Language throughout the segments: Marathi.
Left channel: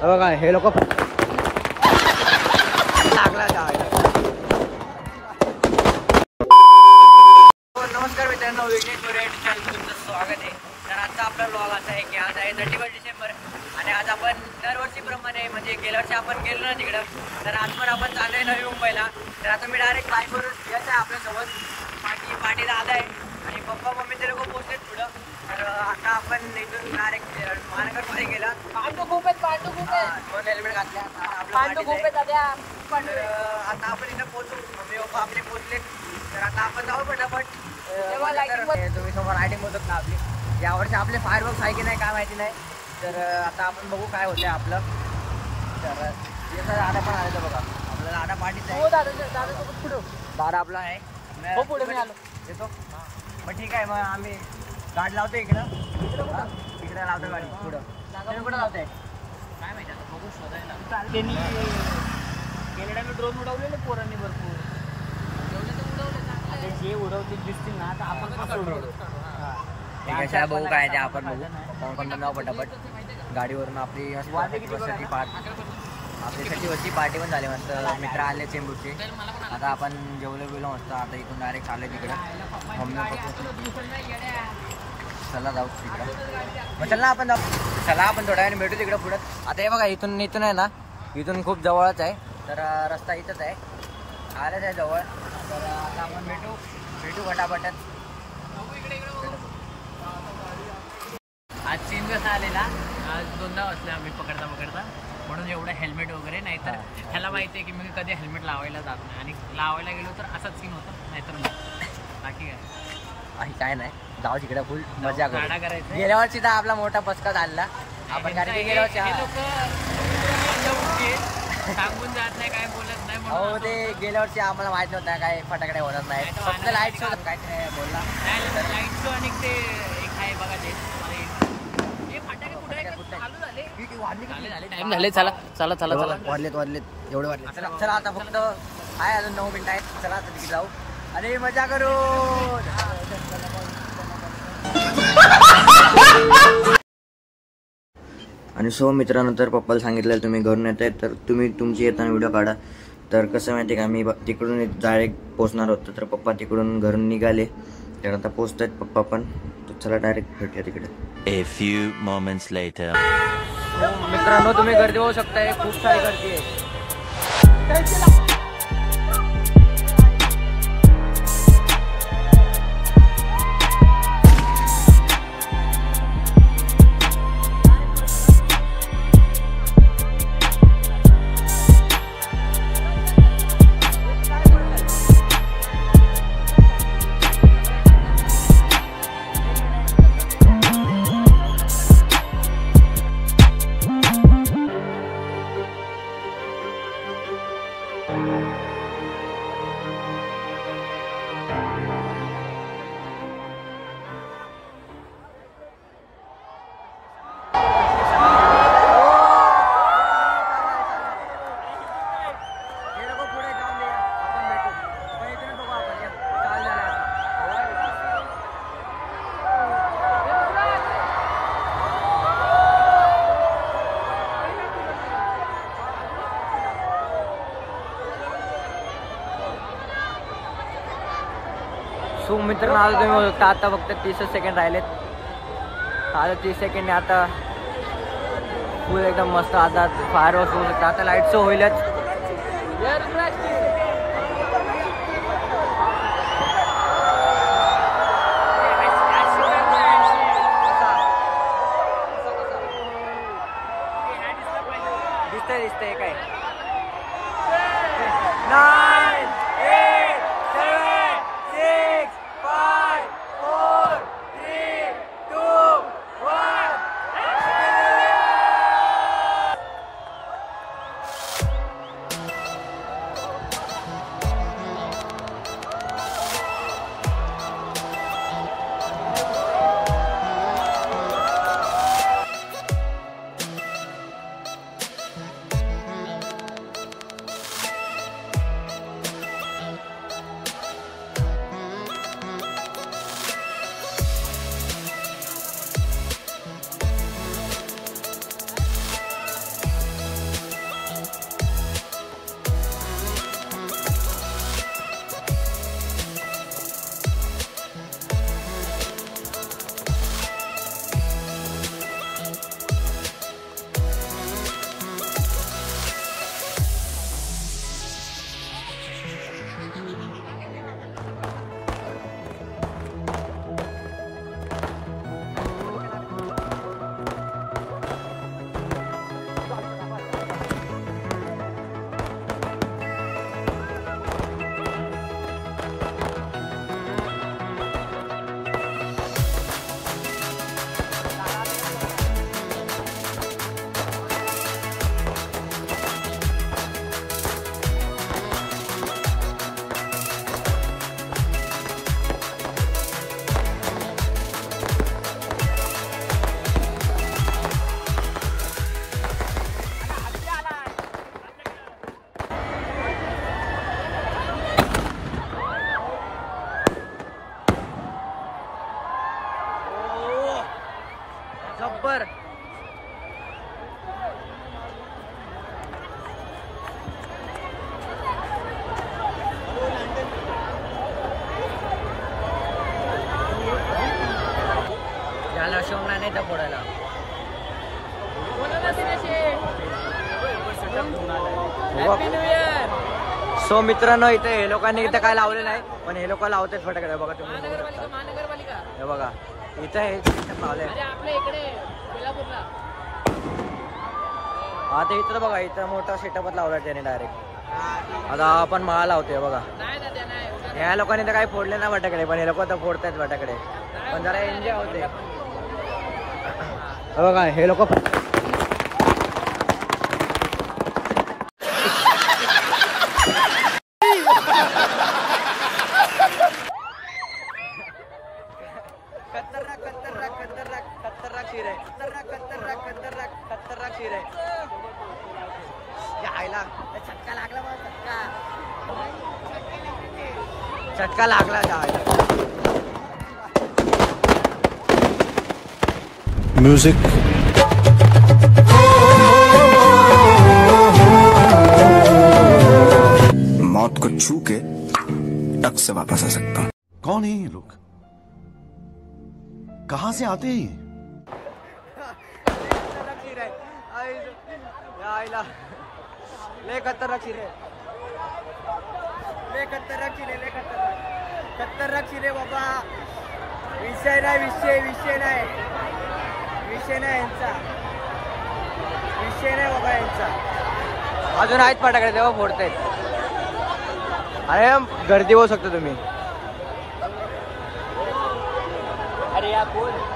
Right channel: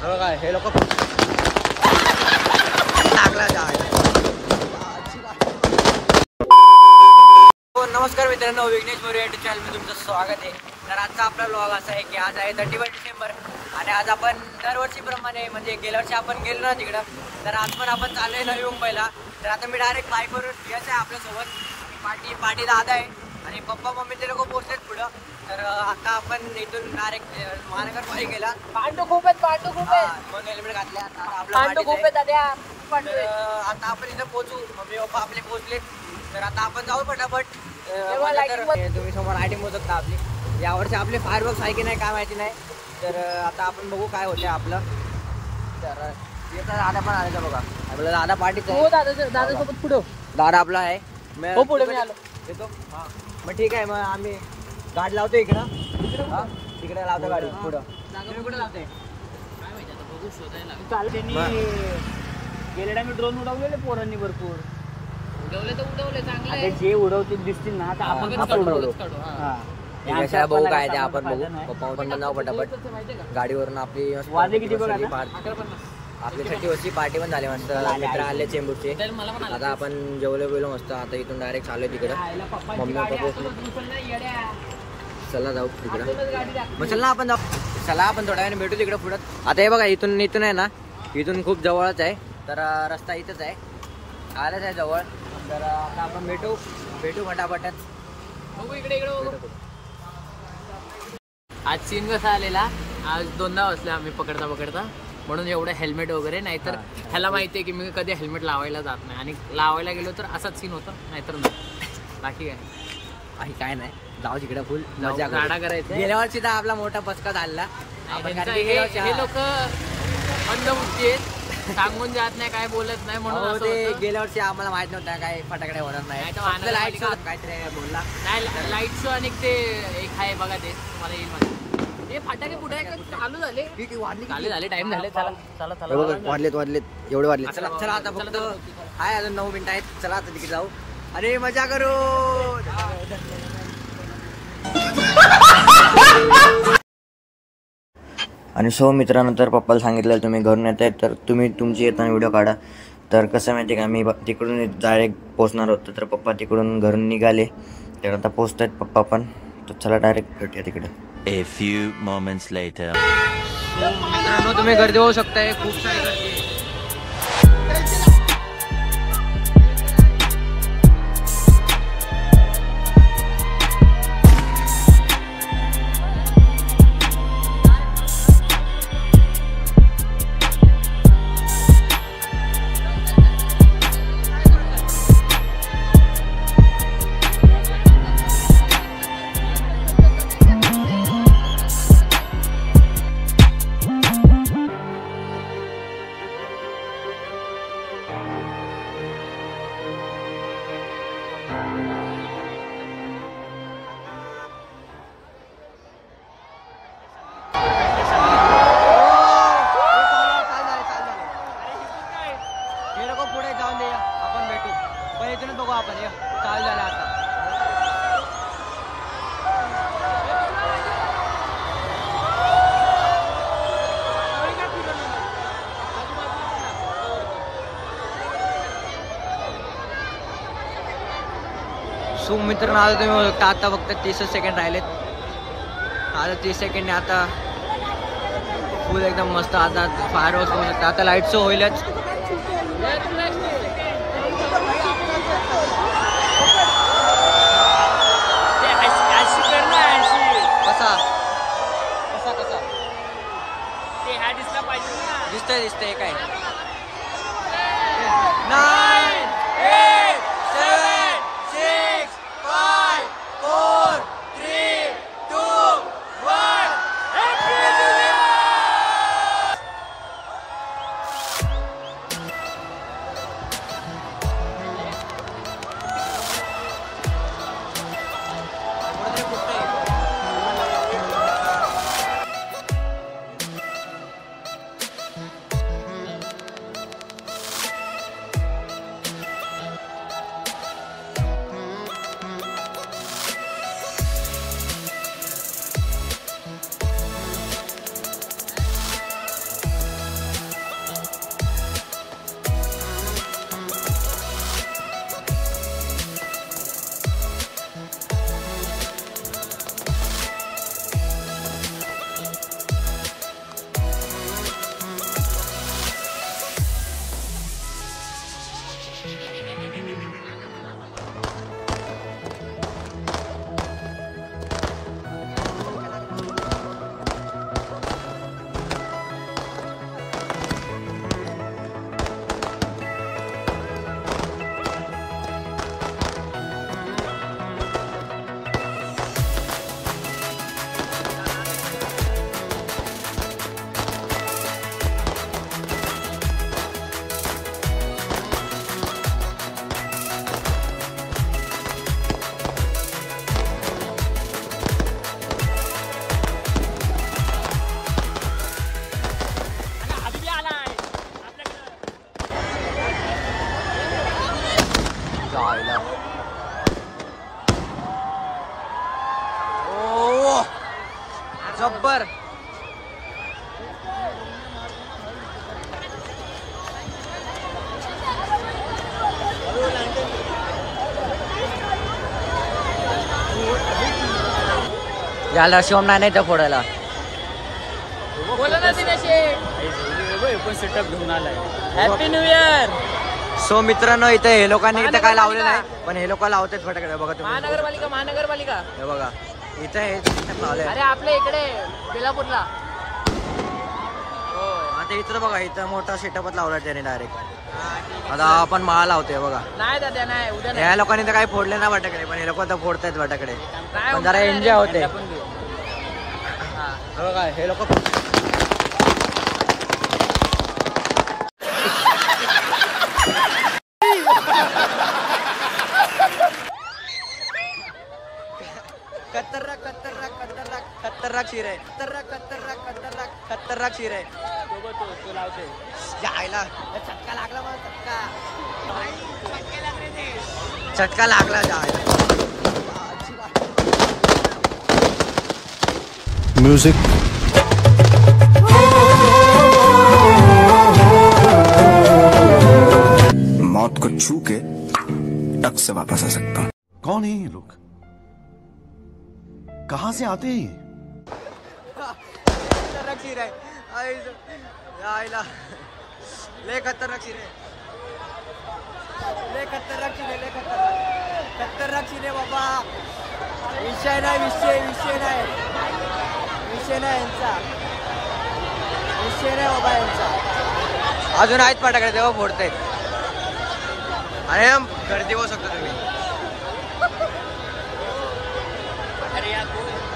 बघा हे लोक लागला जायला. नमस्कार मित्रांनो, विघ्नेश मोरे चॅनल मध्ये तुमचं स्वागत आहे. तर आजचा आपला व्लॉग असा आहे की आज आहे 31 डिसेंबर आणि आज आपण दरवर्षीप्रमाणे म्हणजे गेल्या वर्षी आपण गेलो ना तिकडं, तर आज पण आपण चाललोय नवी मुंबईला. तर आता मी डायरेक्ट बाईकवरून यायचं आहे आपल्यासोबत. पाटी दादा आहे आणि पप्पा मम्मी ते लोक पोहोचलेत पुढं. तर आता आपण इथून डायरेक्ट महानगरपालिकेला खूप हेल्मेट घातल्या तर आता आपण इथं पोहोचू. मम्मी पप्पा आपले पोहोचलेत तर आता आपण जाऊ पटापट. तर तुम्ही समोर लाइटिंग होतात ना आपली, यावर्षी आपले फायरवर्क्स आहे की नाही काय माहिती नाही. तर आता आपण बघू काय होतं आपलं. तर येतं दादा पण आले तर बघा, आपलं दादा पार्टीच आहे. दादासोबत पुढं दादा आपला आहे येतो. मग ठीक आहे, मग आम्ही गाडी लावतो इकडं. तिकडे लावतो गाडी पुढं. तुम्ही कुठं लावते काय माहिती, आता बघू शोधायला. त्यांनी गेल्या टाइम ड्रोन उडवलेले पोरांनी भरपूर. उडवले चांगले, जे उडवतील दिसतील ना आपण उडवतो. ठीक आहे, चला बघू काय ते आपण बघू. पप्पा पण जाऊ पटापट गाडीवरून. आपली आपली 30 पार्टी पण झाली मस्त. मित्र आले चेंबूरचे. आता आपण जेवलो मस्त. आता इथून डायरेक्ट चाललोय तिकडं. मम्मी पप्पा चला जाऊ तिकडं. मग चल ना आपण जाऊ. चला आपण थोड्या वेळाने भेटू तिकडं पुढं. आता हे बघा इथून आहे ना, इथून खूप जवळच आहे. तर रस्ता इथंच आहे, आलाच आहे जवळ. तर आता आपण भेटू फटाफटच. आज सीन कसा आलेला, आज 2दा वाजले आम्ही पकडता म्हणून एवढं हेल्मेट वगैरे. नाहीतर ह्याला माहिती आहे की मी कधी हेल्मेट लावायला जात नाही आणि लावायला गेलो तर असाच सीन होतं, नाहीतर बाकी काय नाही. जाऊ तिकडे फुल मजा गाडा करायचं. गेल्या वर्षी तर आपला मोठा पचका झाला आपण, कारण की गेल्या वर्षी लोक मंदबुद्धी सांगून जात नाही, काय बोलत नाही. हो, ते गेल्या वर्षी आम्हाला माहित नव्हतं काय फटाकडे होणार नाही. फक्त लाईट शो काहीतरी बोलला. लाईट शो आणि ते एक आहे बघा, ते तुम्हाला येईल. फटाके कुठे चालू झाले, टाइम झाले. चला वाढलेत एवढे वाढलेत. चला आता फक्त आहे अजून 9 मिनिटं आहेत. चला आता तिकडे जाऊ आणि मजा करू. आणि सो मित्रांनो, तर पप्पाला सांगितलं तुम्ही घरून येत आहे तर तुम्ही तुमची येताना व्हिडिओ काढा. तर कसं माहिती आहे का, मी तिकडून डायरेक्ट पोहोचणार होतो. तर पप्पा तिकडून घरून निघाले, तर आता पोहोचत आहेत पप्पा पण. तर चला डायरेक्ट भेटूया तिकडे. A few moments later. मित्रांनो, तुम्ही गर्दी होऊ शकताय, खूप सारी गर्दी आहे. सो मित्रांनो, आता तुम्ही बघू शकता आता फक्त 30 सेकंड राहिलेत. आता 30 सेकंड आता फुल एकदम मस्त. आता फायरवर्क्स होऊ शकतात. आता लाईट शो होईलच. दिसतंय काय. 9 8 7 6 5 4 3 2 1. याला शिवम नाही तर फोडायला. बोला ना Dinesh Sheth. Happy new year. So मित्रांनो इथे हे लोकांनी इथे काय लावले नाही पण हे लोक लावतात फटाकडे बघा तुम्ही. महानगरपालिका हे बघा इथे हे system लावलंय. अरे आपल्या इकडे बेलापूरला. हा ते इथं बघा इथं मोठा सेटअपच लावला त्याने डायरेक्ट. आता आपण माळा लावतोय बघा. नाही दादा नाही उद्या ह्या लोकांनी तर काही फोडले ना फटाकडे पण हे लोक तर फोडतायत फटाकडे पण जरा एन्जॉय होते. बघा हे लोक खतरनाक शिर आहे. खतरनाक शिर आहे. जायला चटका लागला मला चटका लागला जायला. म्यूजिक मौत को छू के टक से वापस आ सकता हूँ. कौन है ये लोग? कहां से आते हैं? खतरनाक शिर आहे. जायला लय खतरनाक शिर आहे. लय खतरनाक शिर आहे. लय खतरनाक शिर आहे बाबा. विषय नाही यांचा. विषय नाही बाबा यांचा. अजून आहेत फटाकडे तेव्हा फोडतायत. अरे गर्दी होऊ शकतो तुम्ही.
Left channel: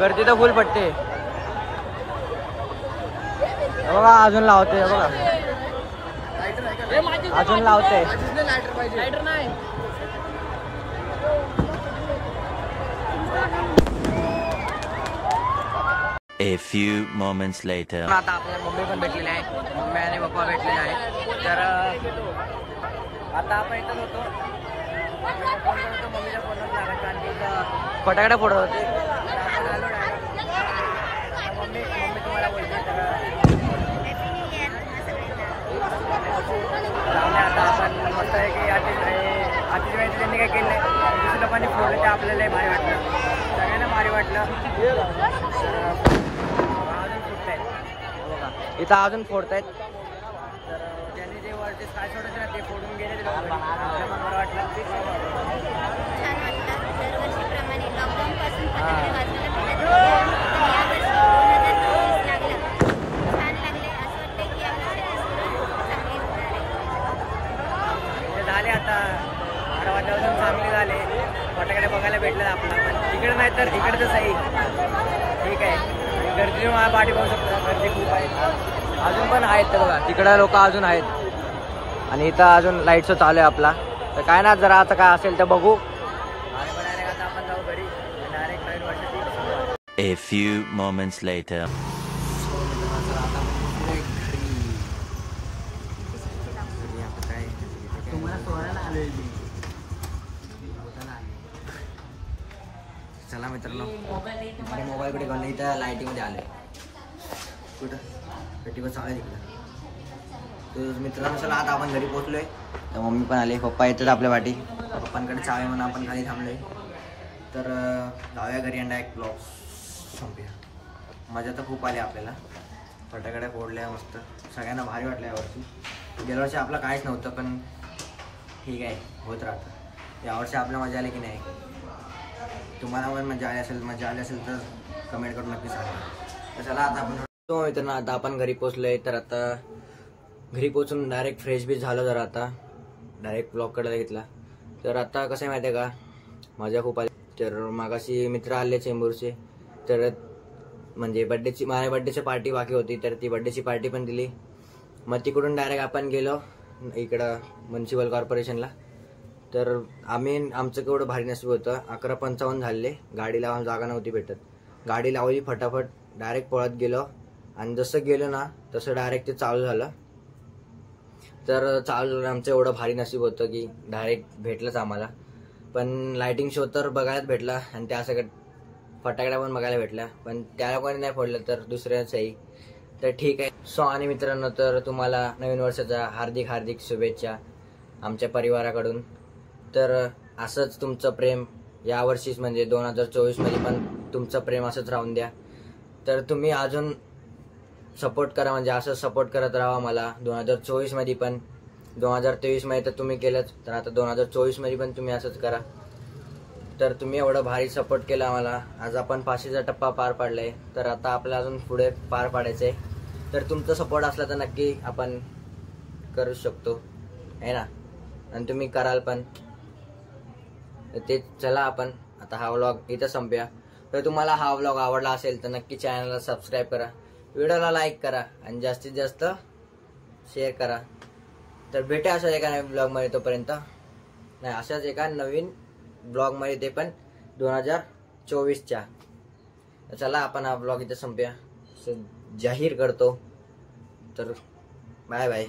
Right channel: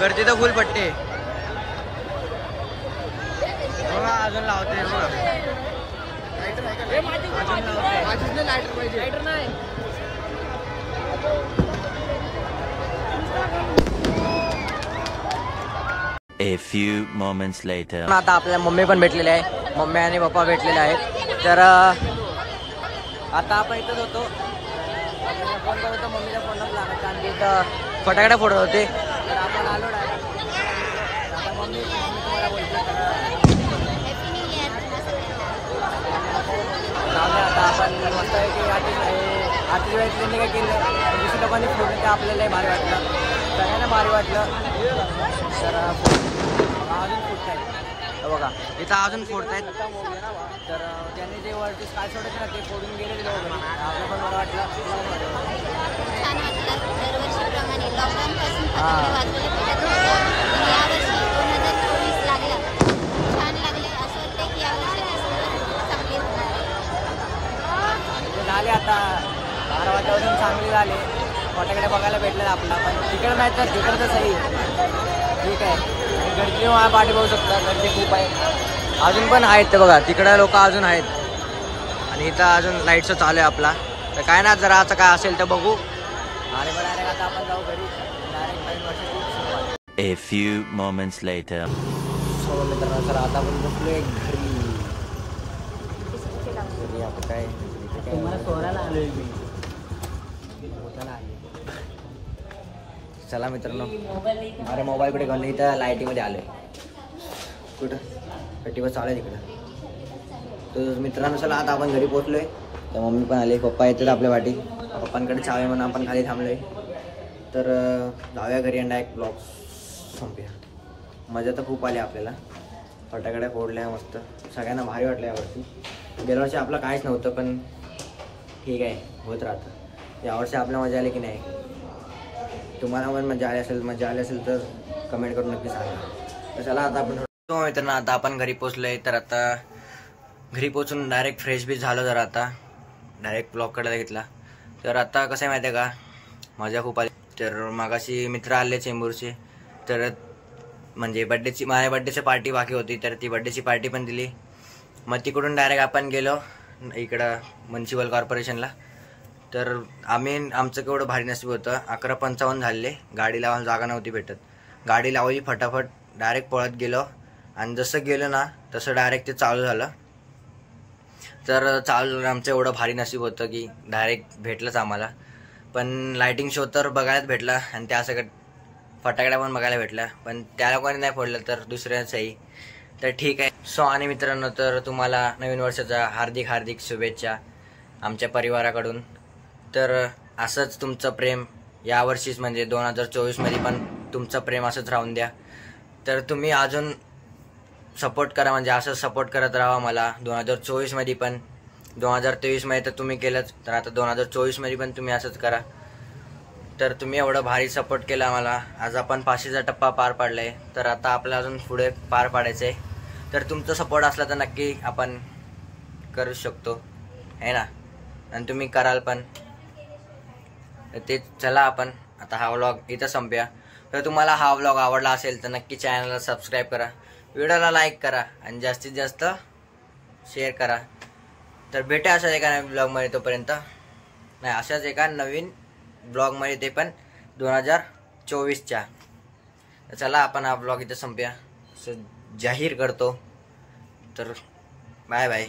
गर्दी तर फुल पट्टे बघा. अजून लावते बघा. अजून लावते. लायटर पाहिजे. A few moments later. आता आपल्या मम्मी पण भेटलेले आहे. मम्मी आणि पप्पा भेटलेले आहेत. तर आता आपण इथंच होतो. मम्मीचा फोन करत होतो. मम्मीच्या फोनच लागायचा आणि इथं फटाकडे फोडत होते. तर आपण आलो डायरेक्ट. आता मम्मी तुम्हाला बोलते. तर जाऊन आता आपण मस्त आहे की आठवीच वेळेस त्यांनी काय केलं नाही. दुसऱ्या लोकांनी फोडलं ते आपल्यालाही भारी वाटलं. सगळ्यांना भारी वाटलं. तर अजून फोडत आहेत बघा. इथं अजून फोडतायत. तर त्यांनी जे वरती काय सोडायचं ना ते फोडून गेले. आपलं पण बरं वाटलं. छान वाटलं. दरवर्षीप्रमाणे लॉकडाऊनपासून हां. यावर्षी 2024 लागलं. छान लागलं. असं वाटतं की यावर्षी चांगली चांगले झाले. आता 12 वाजल्यापासून चांगले झाले. फटाकडे बघायला भेटलं आपला. पण तिकडे नाही तर तिकडे तर सही ठीक आहे. आणि गर्दी मला पाठी बघू शकता. गर्दी खूप आहे. अजून पण आहेत ते बघा. तिकडे लोक अजून आहेत. आणि इथं अजून लाईटचं चालू आहे आपला. तर काय ना जरा आता काय असेल तर बघू. आणि मग डायरेक्ट आता आपण जाऊ घरी. डायरेक्ट नवीन वर्षाची सुरुवात. A few moments later. So मित्रांनो तर आता आपण बसलोय घरी. आता काय तुम्हाला सोडायला आलोय मी. चला मित्रांनो. अरे मोबाईल कुठे घालून इथं लाईटीमध्ये आलोय. कुठं टीव्ही चालू आहे तिकडं. तर मित्रांनो चला आता आपण घरी पोहोचलोय. तर मम्मी पण आली. पप्पा येतात आपल्या वाटी. पप्पांकडे चावी म्हणून आपण खाली थांबलोय. तर जाऊया घरी आणि डायरेक्ट ब्लॉग संपूया. मजा तर खूप आली आपल्याला. फटाकड्या फोडल्या मस्त. सगळ्यांना भारी वाटलं यावर्षी. गेल्या वर्षी आपलं काहीच नव्हतं पण ठीक आहे होत राहतं. यावर्षी आपल्या मजा आली की नाही. तुम्हाला पण मजा आली असेल तर कमेंट करून नक्की सांगा. तर चला आता आपण मित्रांनो आता आपण घरी पोचलोय. तर आता घरी पोचून डायरेक्ट फ्रेश बी झालो. जरा आता डायरेक्ट ब्लॉगकडे घेतला. तर आता कसं आहे माहिती आहे का मजा खूप आली. तर मागाशी मित्र आले चेंबूरचे. तर म्हणजे माझ्या बड्डेची पार्टी बाकी होती. तर ती बड्डेची पार्टी पण दिली. मग तिकडून डायरेक्ट आपण गेलो इकडं म्युन्सिपल कॉर्पोरेशनला. तर आमचं केवढं भारी नशीब होतं. 11:55 झाले. गाडी लावायला जागा नव्हती भेटत. गाडी लावली फटाफट डायरेक्ट पळत गेलो. आणि जसं गेलो ना तसं डायरेक्ट ते चालू झालं. तर आमचं एवढं भारी नशीब होतं की डायरेक्ट भेटलंच आम्हाला. पण लायटिंग शो तर बघायलाच भेटला. आणि त्या सगळ्या फटाकड्या पण बघायला भेटल्या. पण त्या लोकांनी नाही फोडलं तर दुसऱ्याचंही. तर ठीक आहे. सो आणि मित्रांनो तर तुम्हाला नवीन वर्षाच्या हार्दिक शुभेच्छा आमच्या परिवाराकडून. तर असंच तुमचं प्रेम यावर्षीच म्हणजे 2024 मध्ये पण तुमचं प्रेम असंच राहून द्या. तर तुम्ही अजून सपोर्ट करा, म्हणजे असं सपोर्ट करत राहा मला 2024मध्ये पण. 2023मध्ये तर तुम्ही केलंच, तर आता 2024मध्ये पण तुम्ही असंच करा. तर तुम्ही एवढं भारी सपोर्ट केला आम्हाला. आज आपण 500चा टप्पा पार पाडला आहे, तर आता आपल्याला अजून पुढे पार पाडायचं आहे. तर तुमचा सपोर्ट असला तर नक्की आपण करू शकतो आहे ना, आणि तुम्ही कराल पण. ते चला आपण आता हा व्लॉग इथं संपूया. तर तुम्हाला हा व्लॉग आवडला असेल तर नक्की चॅनलला सबस्क्राईब करा, व्हिडिओला लाईक करा आणि जास्तीत जास्त शेअर करा. तर भेटूया अशाच एका नवीन ब्लॉगमध्ये. तोपर्यंत नाही, अशाच एका नवीन ब्लॉगमध्ये, ते पण 2024च्या. तर चला आपण हा ब्लॉग इथं संपूया असं जाहीर करतो. तर बाय बाय.